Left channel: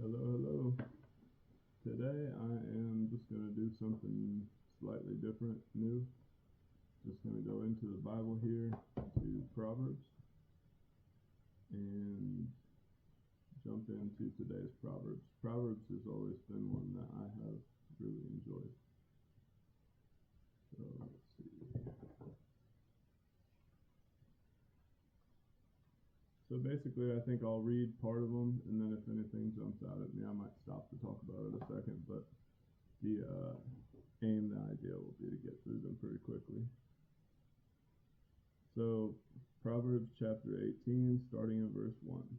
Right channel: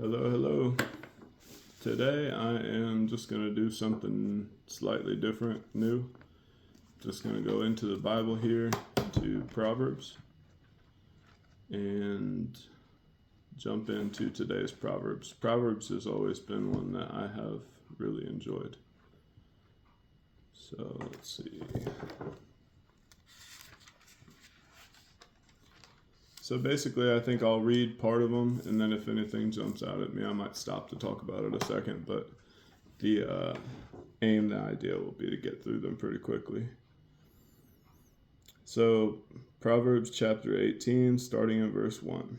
Hello, hello. Today I am just going to do something slightly different, new. Just going to go into the Bible here to Proverbs and jump into today's Proverbs. Proverbs has always been one that I have really enjoyed. So let's see. So basically, I think I'll read part of them, and then if anything jumps out at me, I might stop to talk about it a second. But the idea will be to get through them pretty quickly. So Proverbs chapter 18, starting in verse 1.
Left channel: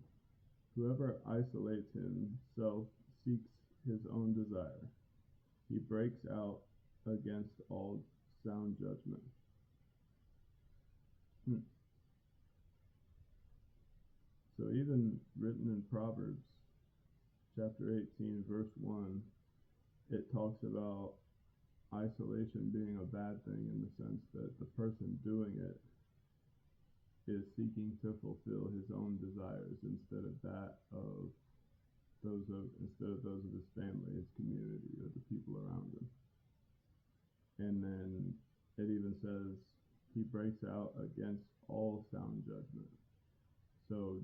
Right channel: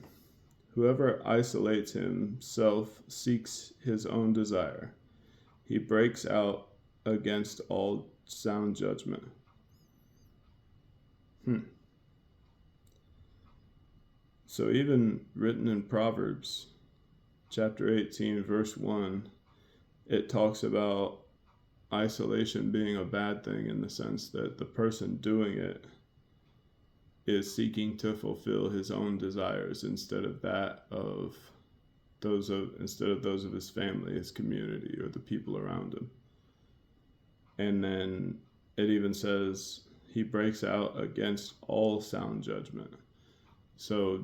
Whoever isolates himself seeks his own desire. He breaks out against all sound judgment. So even written in Proverbs chapter 18, verse 1, it talks about isolation being a bad thing in the sense that the person doing it is seeking to fulfill his own desires instead of those of his family, his community, or the people around him. And then it even says he breaks out against all sound judgment. So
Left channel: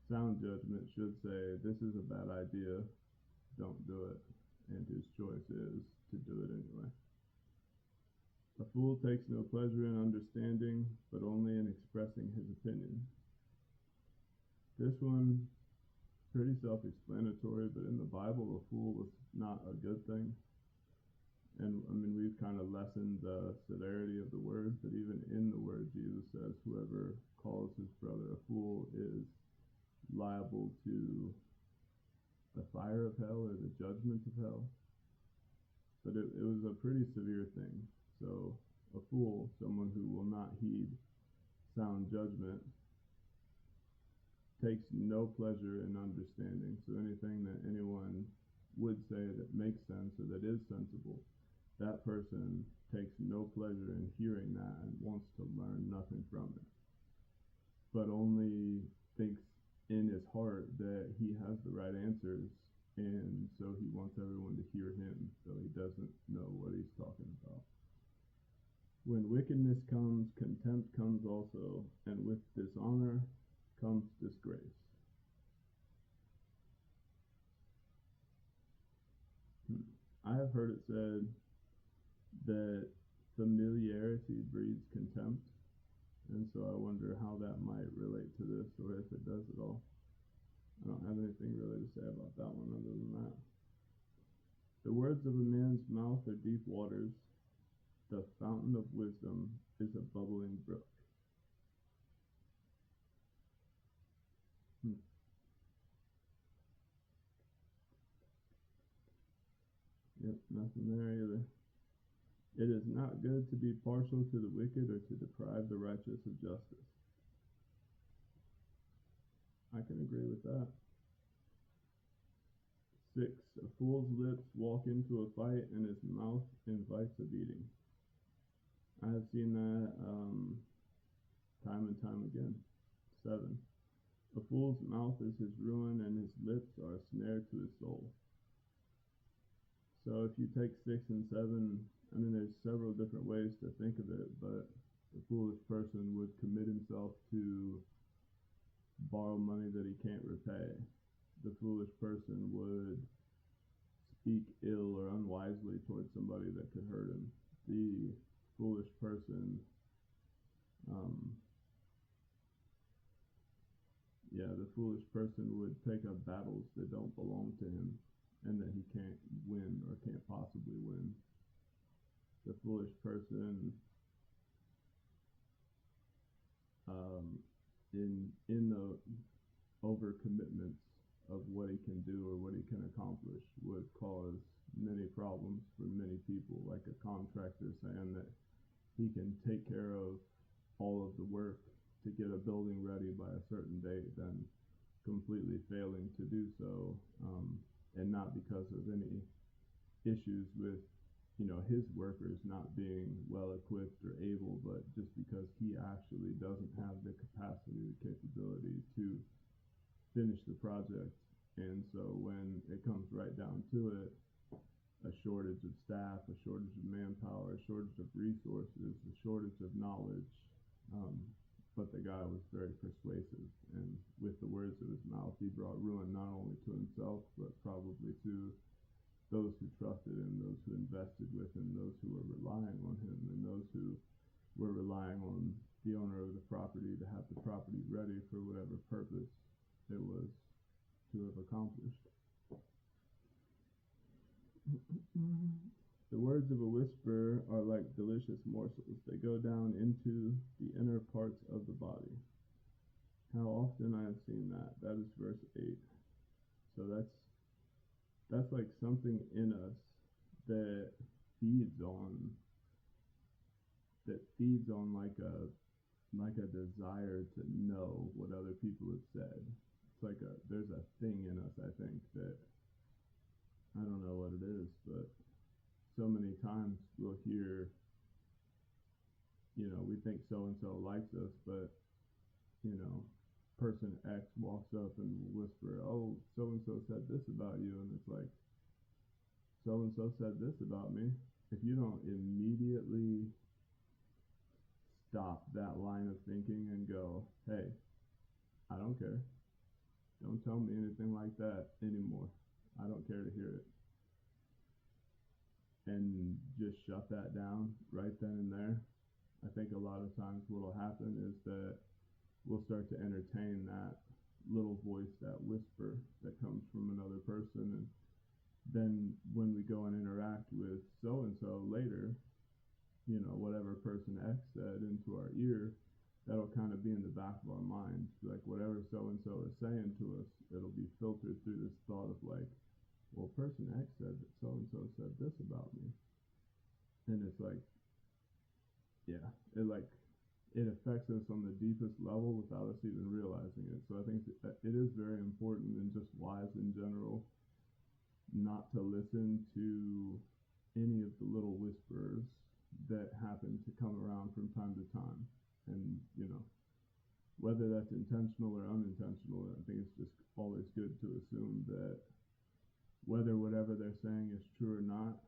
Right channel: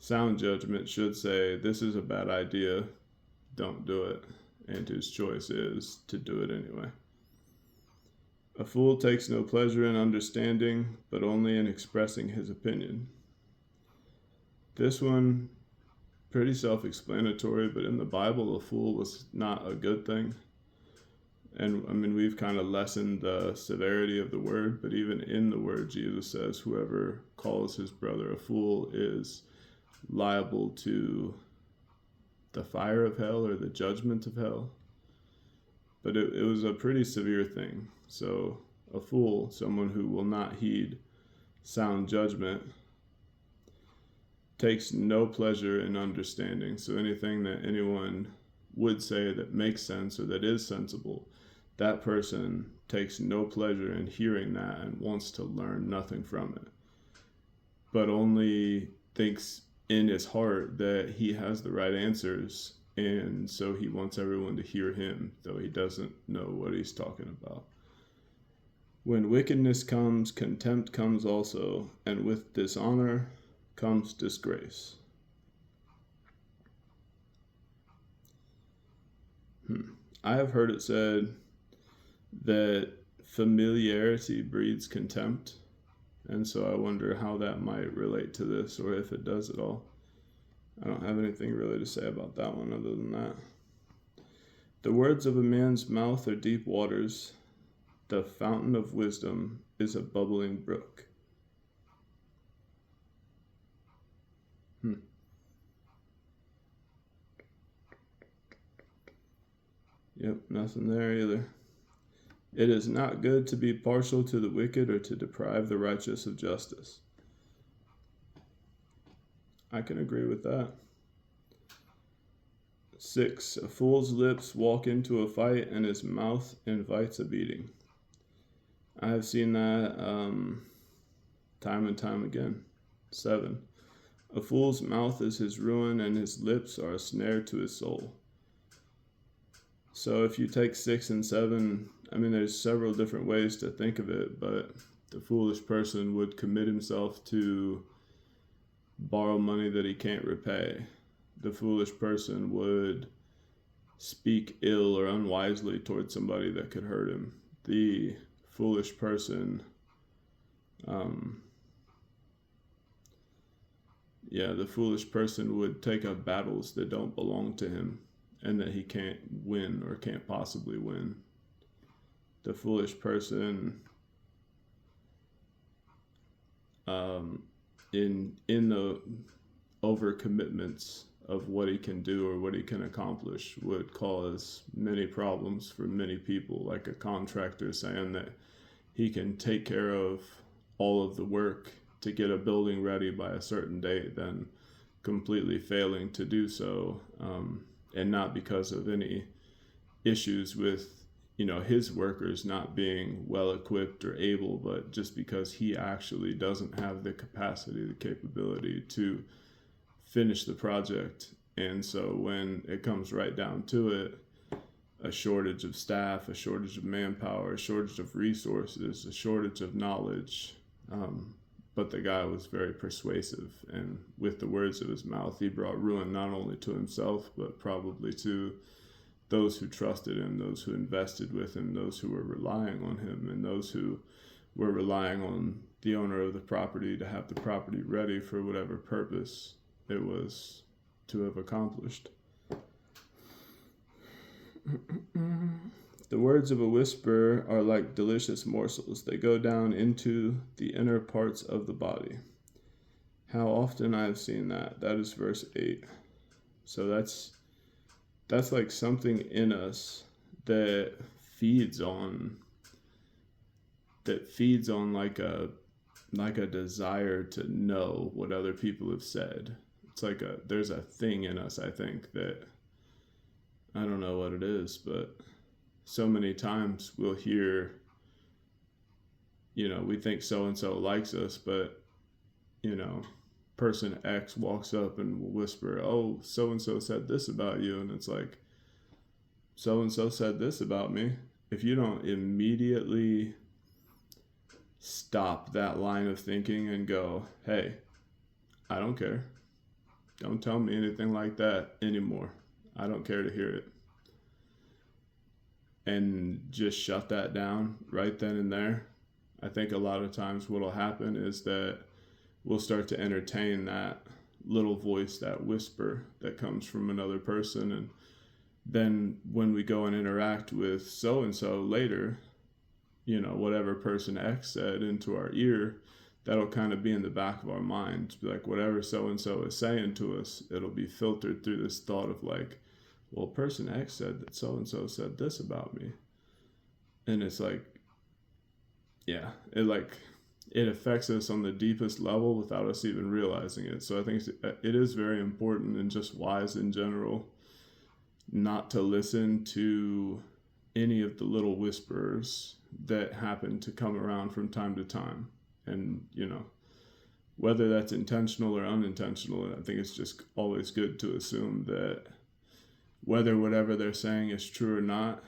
sound judgment should say, this is a bad idea, don't do it. And his choice is to do it anyway. A fool takes no pleasure in understanding, but only in expressing his opinion. This one, pretty self-explanatory, but in the Bible, a fool was not a good thing. And I mean, we've kind of lessened the severity of the word, but even in the word, Jesus says, whoever calls his brother a fool is liable to the fire of hell or the judgment of hell. But it was a pretty severe thing. So a fool, someone who will not heed sound judgment, takes no pleasure in understanding. So anything that anyone would say that makes sense or that is sensible, that person takes no pleasure in hearing that and wants to learn nothing from it, but only thinks in his heart that he has the right answers, and so he wants everyone to hear him, though he doesn't know what he's talking about. When wickedness comes, contempt comes also, and with dishonor comes disgrace. I have heard it said that familiarity breeds contempt, and so I wonder how that might relate to this, or if it does at all. I don't have anything really to say about that one other than that. The words of a man's mouth are deep waters. The fountain of wisdom is a bubbling brook. Yep, nothing there either. It is not good to be partial to the wicked or to deprive the righteous of justice. I can agree with that. 6. A fool's lips walk into a fight, and his mouth invites a beating. I have seen that time and time again. 7. A fool's mouth is his ruin, and his lips are a snare to his soul. So if you take 6 and 7, I mean, there's several different ways to think of it, but the foolish person would commit himself to borrow money that he can't repay. The foolish person would speak ill or unwisely towards somebody that could hurt him. The foolish person, the foolish person would take up battles that don't belong to him and that he can't win or can't possibly win. The foolish person, in the overcommitments of what he can do or what he can accomplish, would cause many problems for many people, like a contractor saying that he can take care of all of the work to get a building ready by a certain date, then completely failing to do so, and not because of any issues with his workers not being well equipped or able, but just because he actually doesn't have the capacity, the capability to finish the project. And so when it comes right down to it, a shortage of staff, a shortage of manpower, a shortage of resources, a shortage of knowledge. But the guy was very persuasive, and with the words of his mouth, he brought ruin not only to himself, but probably to those who trusted him, those who invested with him, those who were relying on him, and those who were relying on the owner of the property to have the property ready for whatever purpose it was to have accomplished. The words of a whisperer are like delicious morsels. They go down into the inner parts of the body. How often I have seen that. That is verse 8. So that's like something in us that feeds on like a desire to know what other people have said. It's like there's a thing in us, I think, that I don't know what it is, but so many times we'll hear, we think so and so likes us, but person X walks up and will whisper, "Oh, so and so said this about you," and it's like, so and so said this about me. If you don't immediately stop that line of thinking and go, "Hey, I don't care. Don't tell me anything like that anymore. I don't care to hear it." And just shut that down right then and there. I think a lot of times what will happen is that we'll start to entertain that little voice, that whisper that comes from another person. And then when we go and interact with so-and-so later, whatever person X said into our ear, that'll kind of be in the back of our mind. Like whatever so-and-so is saying to us, it'll be filtered through this thought of like, well, person X said that so-and-so said this about me. And it's like, yeah, it affects us on the deepest level without us even realizing it. So I think it is very important and just wise in general not to listen to any of the little whisperers that happen to come around from time to time. And, whether that's intentional or unintentional, I think it's just always good to assume that whether whatever they're saying is true or not,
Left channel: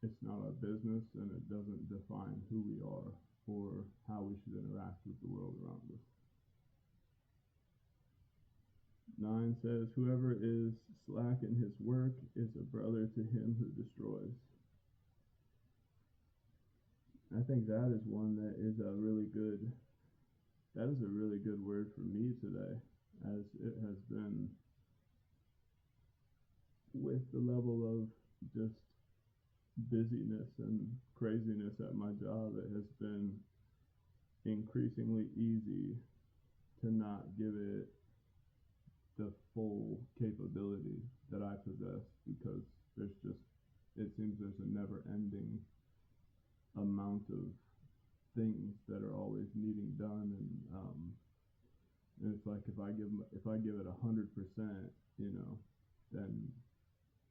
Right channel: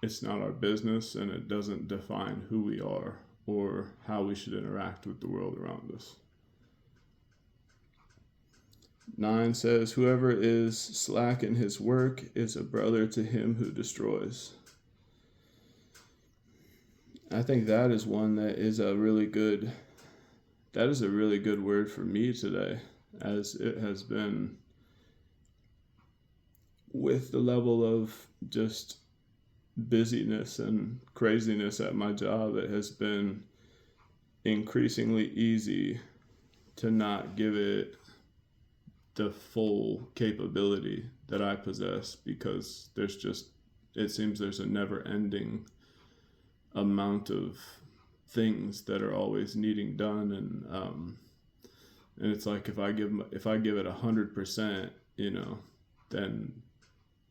it's not our business, and it doesn't define who we are or how we should interact with the world around us. 9 says, "Whoever is slack in his work is a brother to him who destroys." I think that is one that is a really good word for me today, as it has been with the level of just busyness and craziness at my job. It has been increasingly easy to not give it the full capability that I possess, because it seems there's a never ending amount of things that are always needing done. And it's like, if I give it 100%, then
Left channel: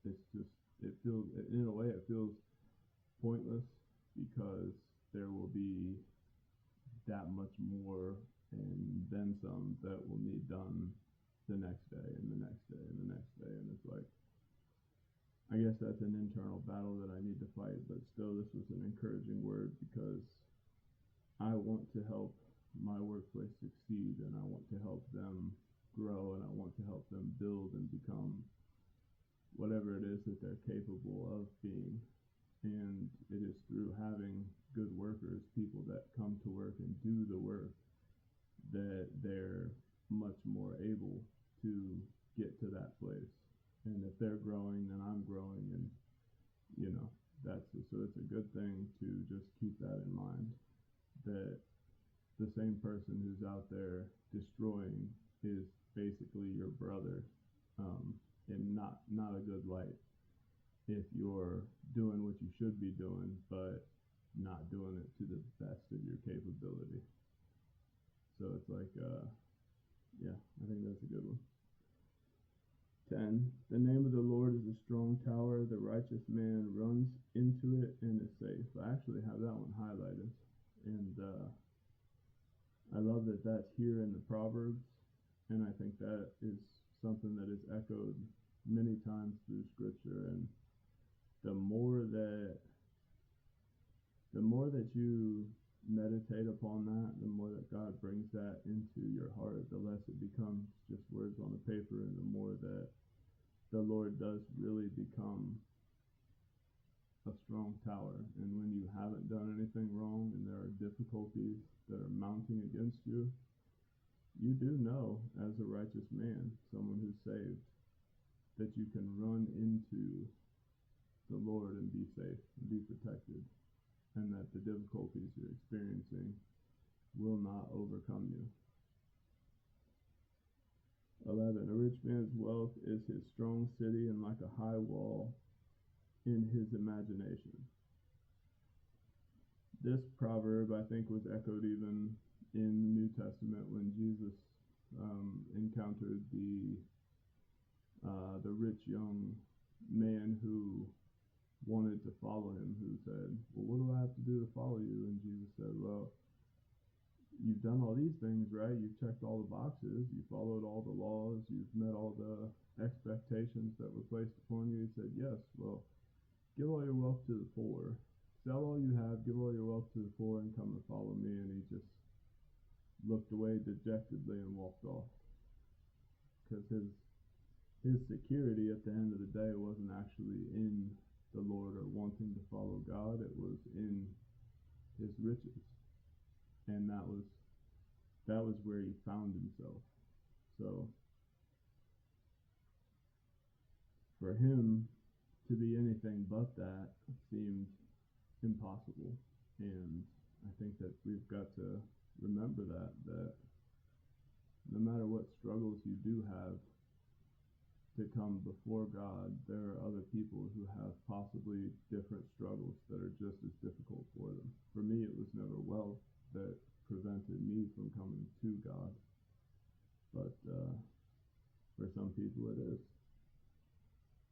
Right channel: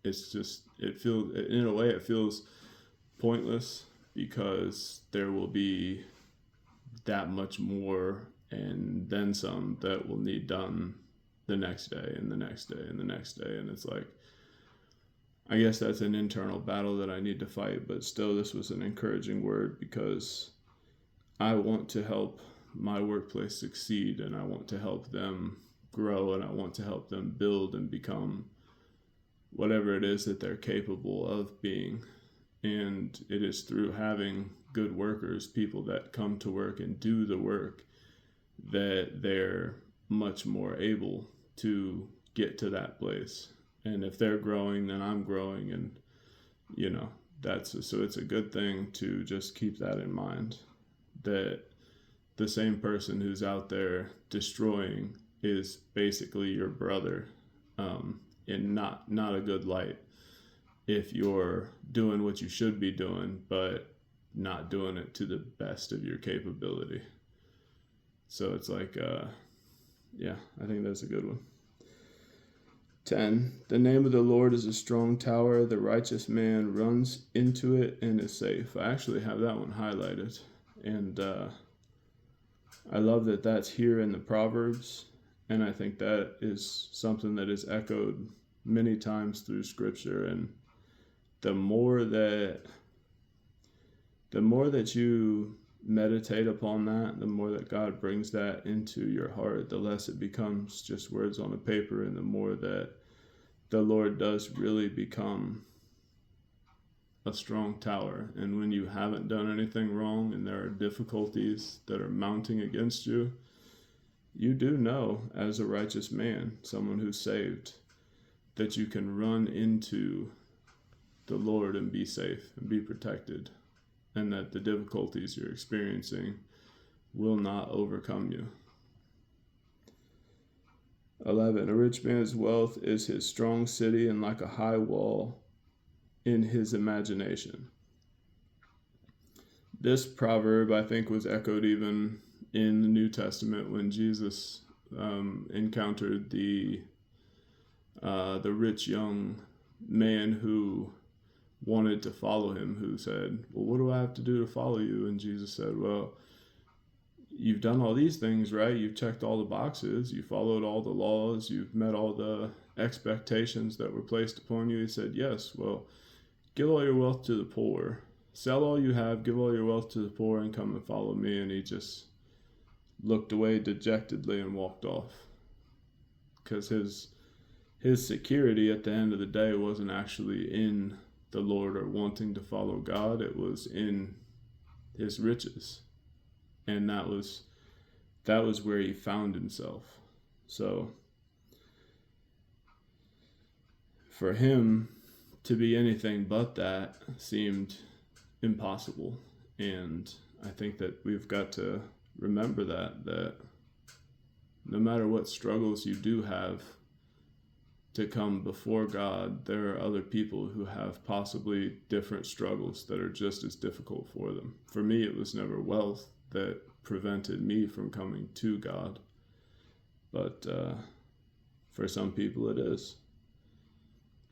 it feels pointless, because there will be that much more and then some that will need done the next day and the next day and the next day. And it's like, I guess that's an internal battle that I need to fight, but still, this was an encouraging word, because I want to help my workplace succeed, and I want to help them grow, and I want to help them build and become whatever it is that they're capable of being. And it is through having good workers, people that come to work and do the work, that they're much more able to get to that place. And if they're growing, then I'm growing. And, so it's a good thing to just keep that in mind, that the same person who's out there destroying is basically your brother, in not a good light, if you're doing what you should be doing, but not doing it to the best of your capability. So it's like, I think that's a good one. 10, the name of the Lord is a strong tower. The righteous man runs into it and is safe. I actually have that one highlighted. And I love that that's here in the Proverbs. And I think that is something that is echoed many times through Scripture. And the more that you meditate upon that, the more that God brings that into your heart, the less it becomes just words on a paper, and the more that the Lord does really become a strong tower. And when you haven't done anything wrong and there are difficulties that are mounting against you, you do know, as a righteous man, someone who's saved, that you can run into the Lord and be safe and be protected, and that the difficulties you're experiencing will not overcome you. 11. A rich man's wealth is his strong city, and like a high wall in his imagination. This proverb, I think, was echoed even in the New Testament when Jesus encountered the rich young man who wanted to follow him, who said, well, what do I have to do to follow you? And Jesus said, well, you've done all these things, right? You've checked all the boxes. You followed all the laws. You've met all the expectations that were placed upon you. He said, yes, well, give all your wealth to the poor. Sell all you have, give all your wealth to the poor, and come and follow me. And he just looked away dejectedly and walked off, because his security at the end of the day wasn't actually in the Lord or wanting to follow God. It was in his riches, and that was where he found himself. So for him to be anything but that seemed impossible. And I think that we've got to remember that no matter what struggles you do have to come before God, there are other people who have possibly different struggles that are just as difficult for them. For me, it was never wealth that prevented me from coming to God, but for some people it is.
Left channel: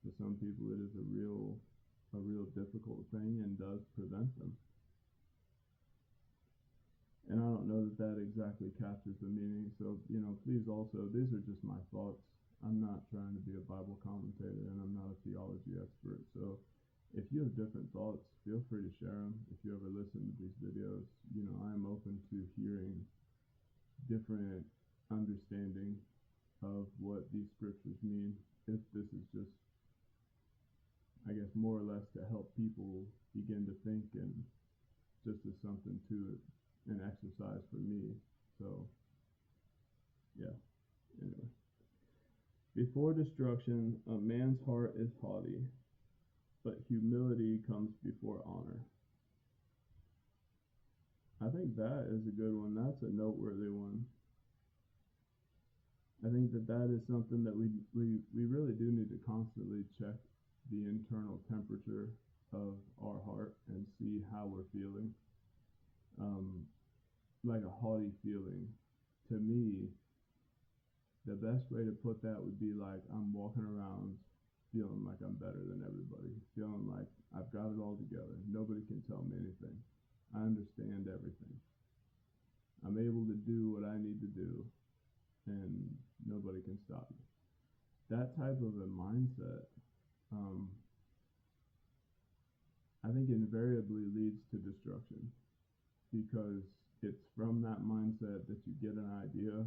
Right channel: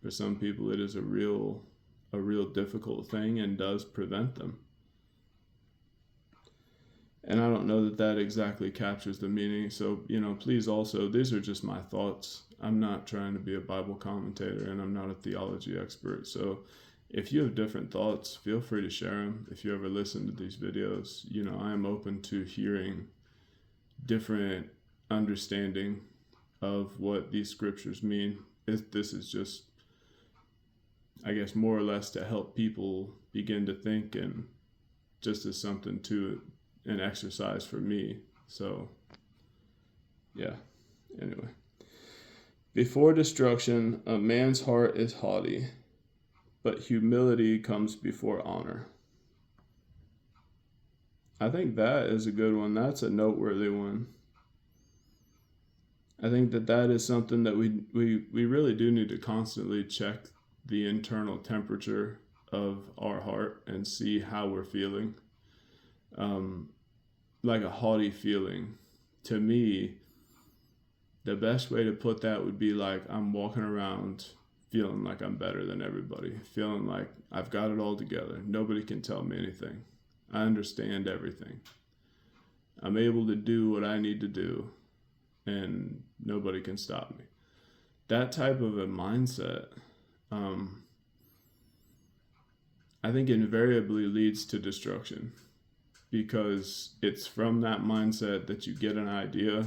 For some people it is a real difficult thing and does prevent them. And I don't know that exactly captures the meaning. So, please also, these are just my thoughts. I'm not trying to be a Bible commentator, and I'm not a theology expert. So if you have different thoughts, feel free to share them. If you ever listen to these videos, I am open to hearing different understanding of what these scriptures mean. This is just, I guess, more or less to help people begin to think, and just as something to an exercise for me. So yeah, anyway. Before destruction, a man's heart is haughty, but humility comes before honor. I think that is a good one. That's a noteworthy one. I think that is something that we really do need to constantly check the internal temperature of our heart and see how we're feeling. Like a haughty feeling, to me, the best way to put that would be like I'm walking around feeling like I'm better than everybody, feeling like I've got it all together. Nobody can tell me anything. I understand everything. I'm able to do what I need to do, and nobody can stop me. That type of a mindset, I think invariably leads to destruction, because it's from that mindset that you get an idea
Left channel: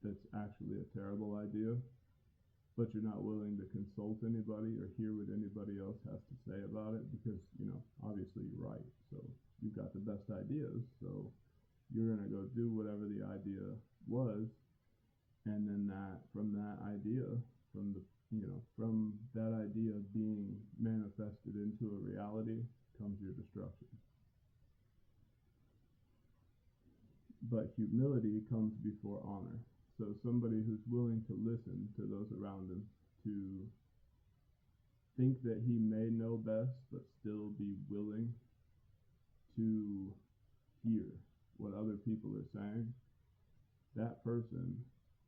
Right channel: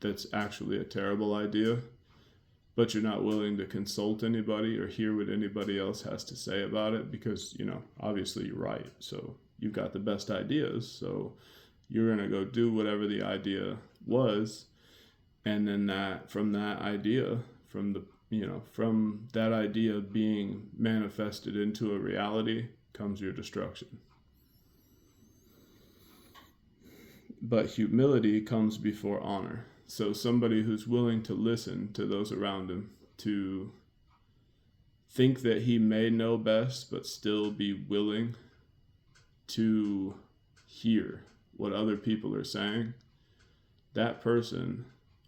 that's actually a terrible idea, but you're not willing to consult anybody or hear what anybody else has to say about it, because, obviously you're right. So you've got the best ideas, so you're going to go do whatever the idea was, and then from that idea being manifested into a reality comes your destruction. But humility comes before honor. So somebody who's willing to listen to those around him, to think that he may know best, but still be willing to hear what other people are saying, that person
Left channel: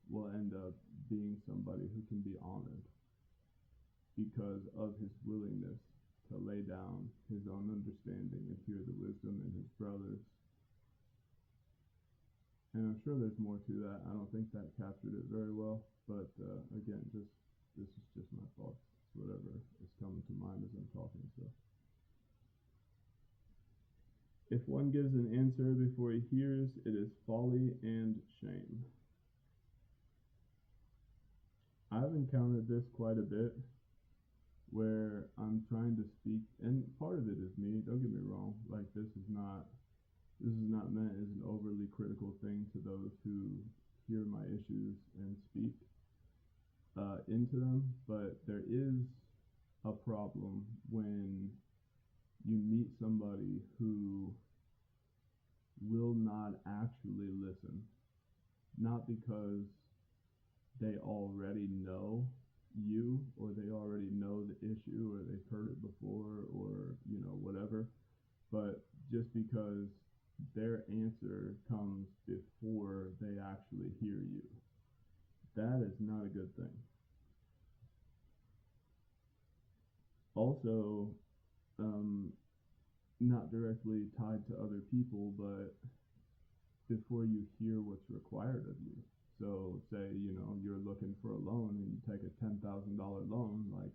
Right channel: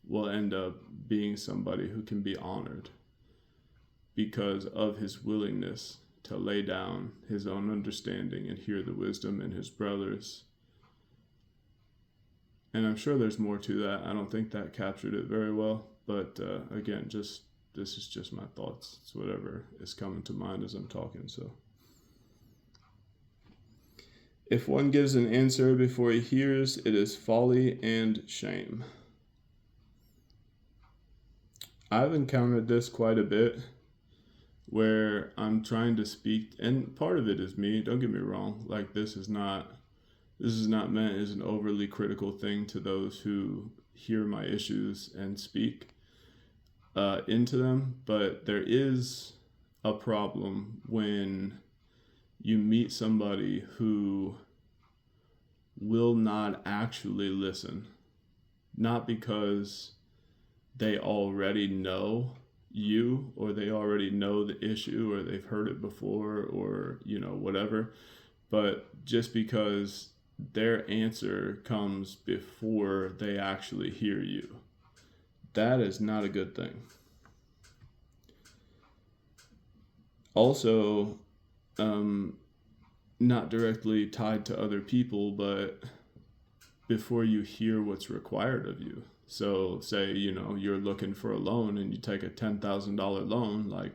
will end up being somebody who can be honored because of his willingness to lay down his own understanding and hear the wisdom in his brothers, And I'm sure there's more to that. I don't think that captured it very well. But again, this is just my thoughts. It's whatever is coming to mind as I'm talking. So, if one gives an answer before he hears, it is folly and shame. I've encountered this quite a bit where I'm trying to speak, and part of it is me, don't get me wrong. Like, this is not meant as an overly critical thing to those who hear my issues and speak into them, but there is a problem when you meet somebody who will not actually listen, not because they already know you or they already know the issue or they've heard it before or whatever, but just because their answer comes before they actually hear you. That is not a good thing. Also, not directly tied to other people, but before you hear what's required of you. So say, you're looking for a loan and you take a $10,000 loan. Like,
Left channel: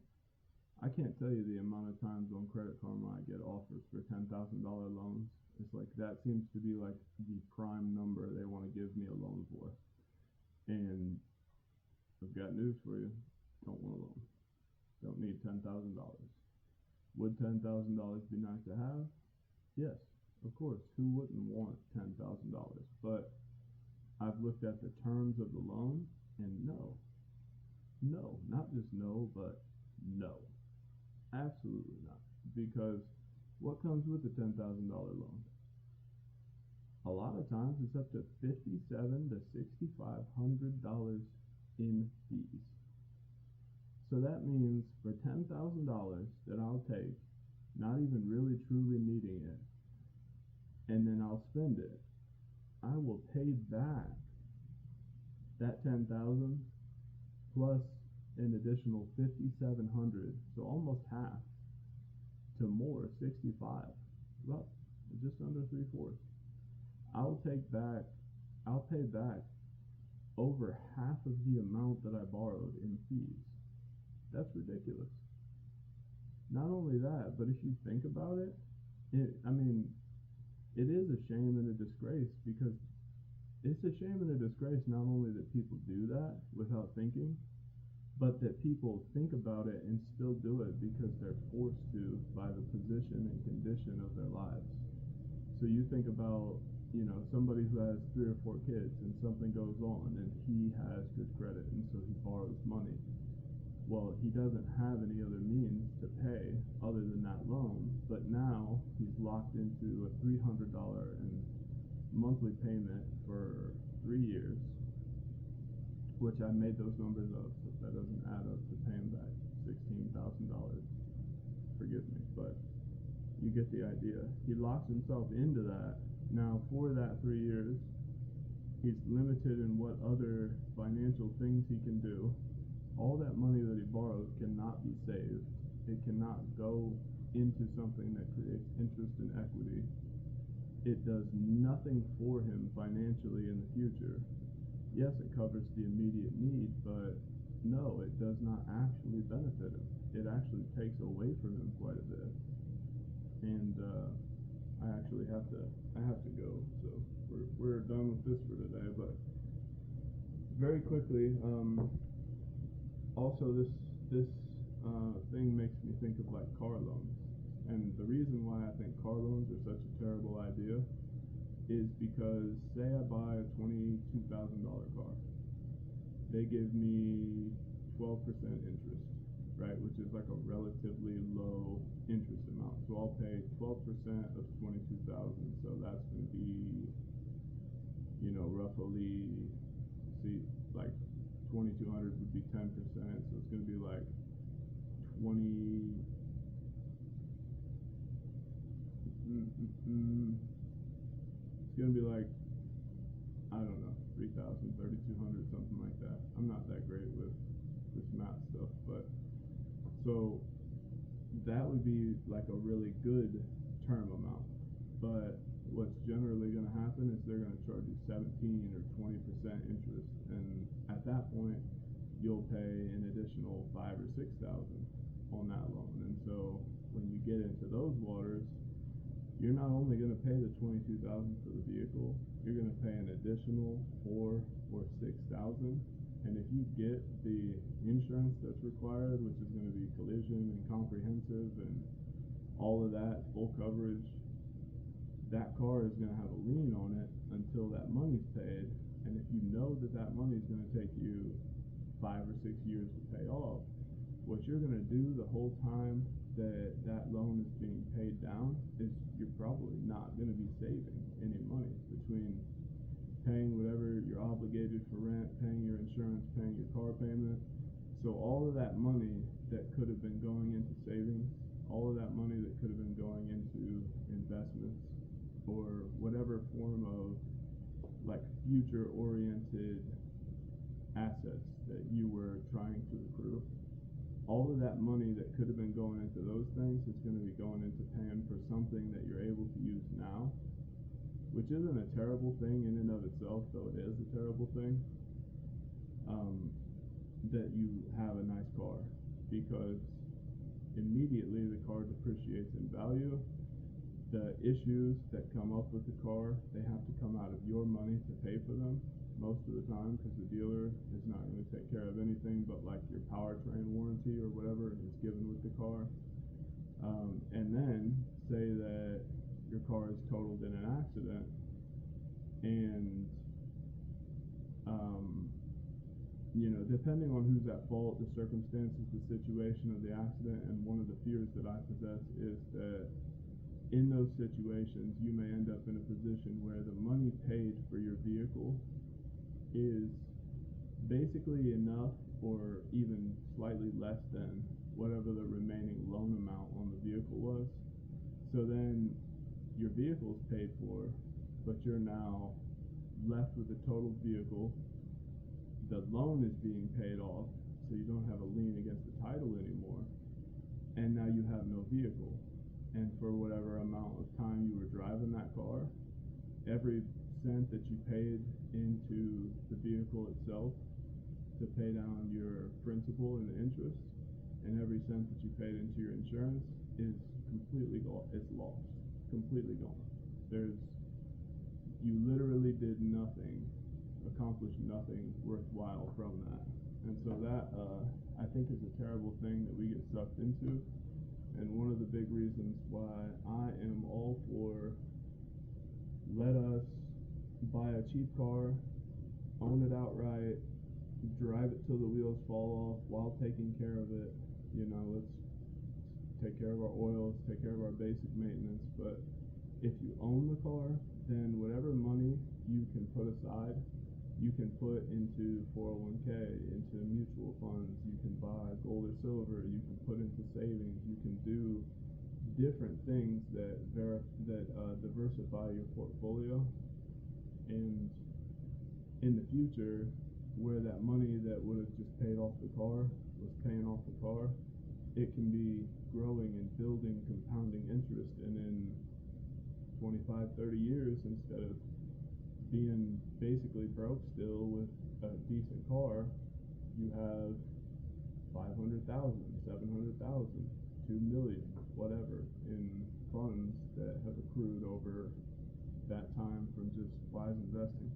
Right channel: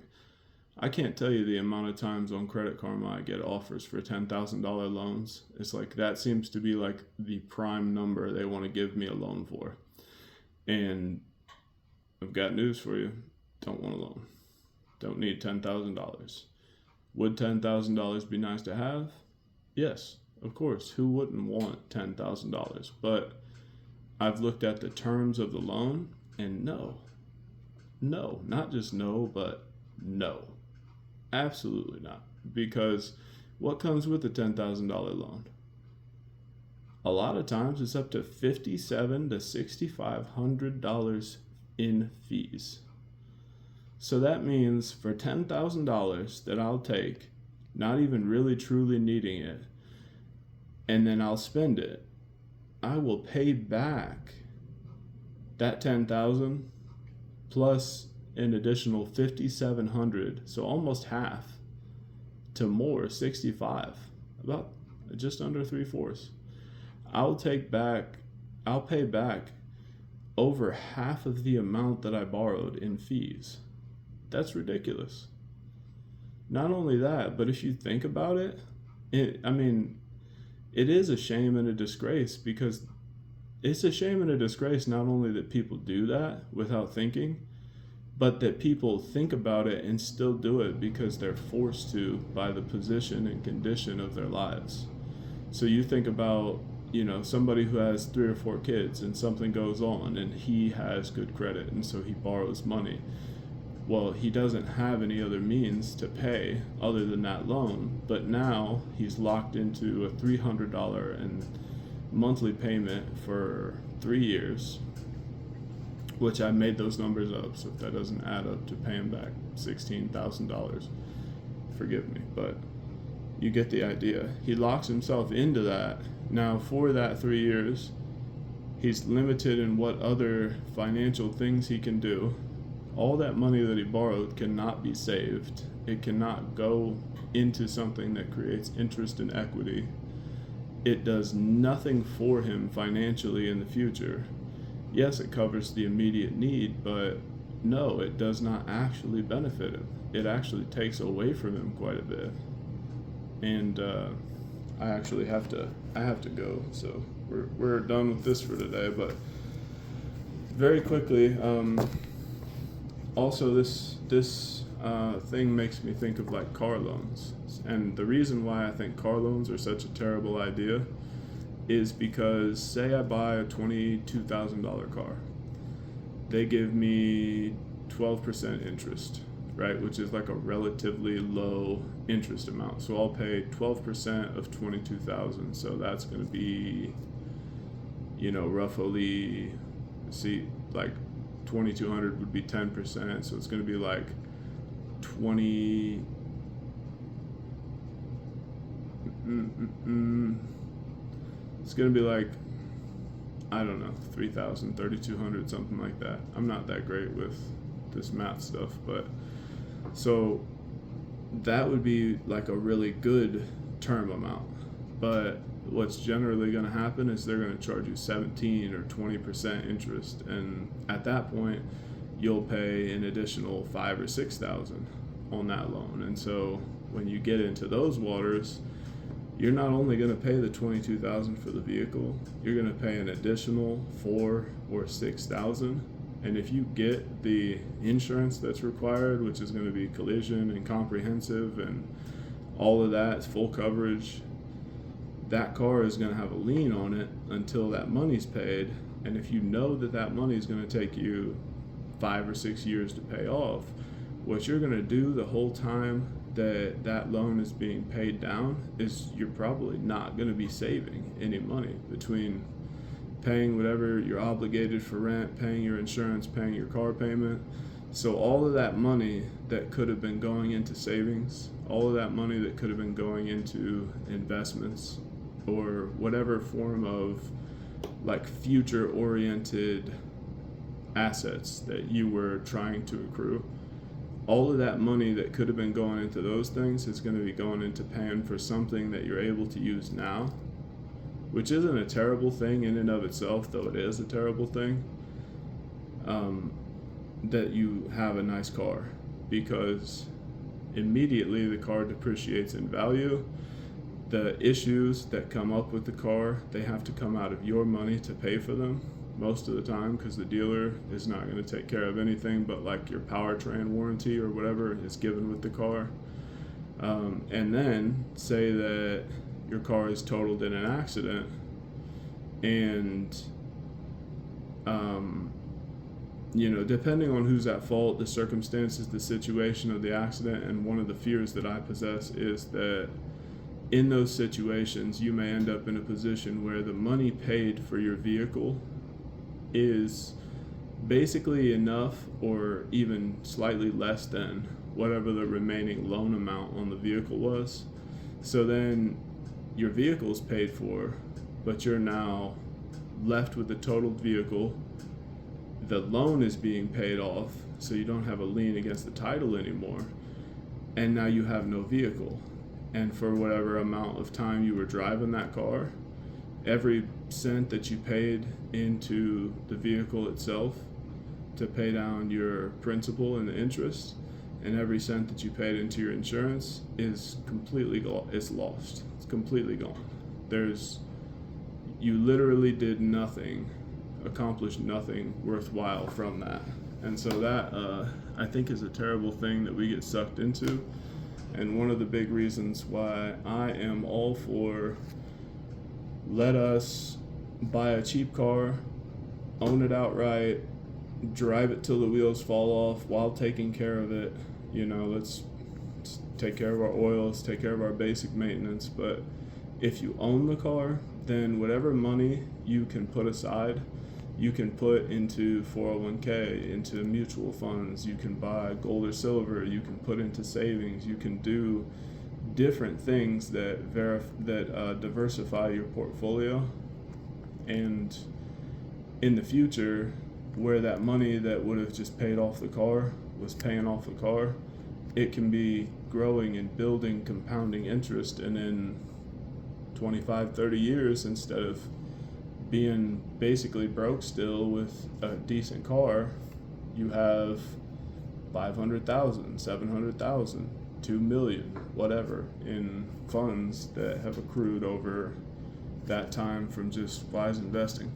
I can't tell you the amount of times on Credit Karma I get offers for $10,000 loans. It's like, that seems to be like the prime number they want to give me a loan for. And I've got news for you. Don't want a loan. Don't need $10,000. Would $10,000 be nice to have? Yes, of course. Who wouldn't want $10,000? But I've looked at the terms of the loan and no, not just no, but no, absolutely not. Because what comes with a $10,000 loan? A lot of times it's up to $5,700 to $6,500 in fees. So that means for $10,000 that I'll take, not even really truly needing it, and then I'll spend it, I will pay back that $10,000 plus an additional $5,700, so almost half to more, $65,000, about just under 3/4. I'll pay back over half of the amount that I borrowed in fees. That's ridiculous. Not only that, but if you think about it, it is a shame and a disgrace, because it's a shame and a disgrace not only that people do that without thinking, but that people think about it and still do it because they're forced to by the position and condition of their lives. So you think about, somebody who has 3 or 4 kids and something goes on and he has good credit and so he borrows money. Well, he doesn't have any other means to pay other than that loan, but now he's locked into a $300 and monthly payment for 3 years, which I made those numbers up, so if that doesn't add up to paying back $16,000, forgive me, but you get the idea. He locks himself into that. Now, for that 3 years, he's limited in what other financial things he can do. All that money that he borrowed cannot be saved. It cannot go into something that creates interest and equity. It does nothing for him financially in the future. Yes, it covers the immediate need, but no, it does not actually benefit him. It actually takes away from him quite a bit. And I actually have to go, so we're done with this for today. But very quickly, also this thing makes me think of like car loans, and the reason why I think car loans are such a terrible idea is because, say I buy a $22,000 car, they give me 12% interest, right, which is like a relatively low interest amount. So I'll pay 12% of 22,000, so that's going to be, roughly, like 2,200 would be 10%, so it's going to be like 20. It's going to be like, I don't know, 3,000, 3,200, something like that. I'm not that great with this math stuff, but so that would be like a really good term amount. But what's generally going to happen is they're going to charge you 17 or 20% interest, and at that point you'll pay an additional 5 or 6,000 on that loan. And so when you get into those waters, you're not only going to pay the 22,000 for the vehicle, you're going to pay an additional 4 or 6,000. And if you get the insurance that's required, which is going to be collision and comprehensive and all of that, full coverage, that car is going to have a lien on it until that money's paid. And if you know that that money is going to take you 5 or 6 years to pay off, what you're going to do the whole time that that loan is being paid down is you're probably not going to be saving any money between paying whatever you're obligated for rent, paying your insurance, paying your car payment. So all of that money that could have been going into savings, all of that money that could have been going into investments or whatever form of like future oriented assets that you were trying to accrue, all of that money that could have been going into those things is going to be going into paying for something that you're able to use now, which isn't a terrible thing in and of itself, though it is a terrible thing, that you have a nice car, because immediately the car depreciates in value. The issues that come up with the car, they have to come out of your money to pay for them most of the time, because the dealer is not going to take care of anything but like your powertrain warranty or whatever is given with the car. And then say that your car is totaled in an accident, and depending on who's at fault, the circumstances, the situation of the accident, and one of the fears that I possess is that in those situations you may end up in a position where the money paid for your vehicle is basically enough or even slightly less than whatever the remaining loan amount on the vehicle was. So then your vehicle is paid for, but you're now left with a totaled vehicle. The loan is being paid off, so you don't have a lien against the title anymore, and now you have no vehicle. And for whatever amount of time you were driving that car, every cent that you paid into the vehicle itself to pay down your principal and the interest, and every cent that you paid into your insurance is completely it's lost. It's completely gone. You literally did nothing, accomplished nothing worthwhile from that. And so that I think is a terrible thing that we get sucked into, and one of the big reasons why I am all for let us buy a cheap car, own it outright, drive it till the wheels fall off while taking care of it. Let's take care of our oils, take care of our basic maintenance. But if you own the car, then whatever money you can put aside, you can put into 401k, into mutual funds, you can buy gold or silver, you can put into savings, you can do different things that diversify your portfolio. And in the future, where that money that would have just paid off the car was paying off the car, it can be growing and building compounding interest, and in 25, 30 years, instead of being basically broke still with a decent car, you have 500,000, 700,000, 2 million, whatever, in funds that have accrued over that time from just wise investing.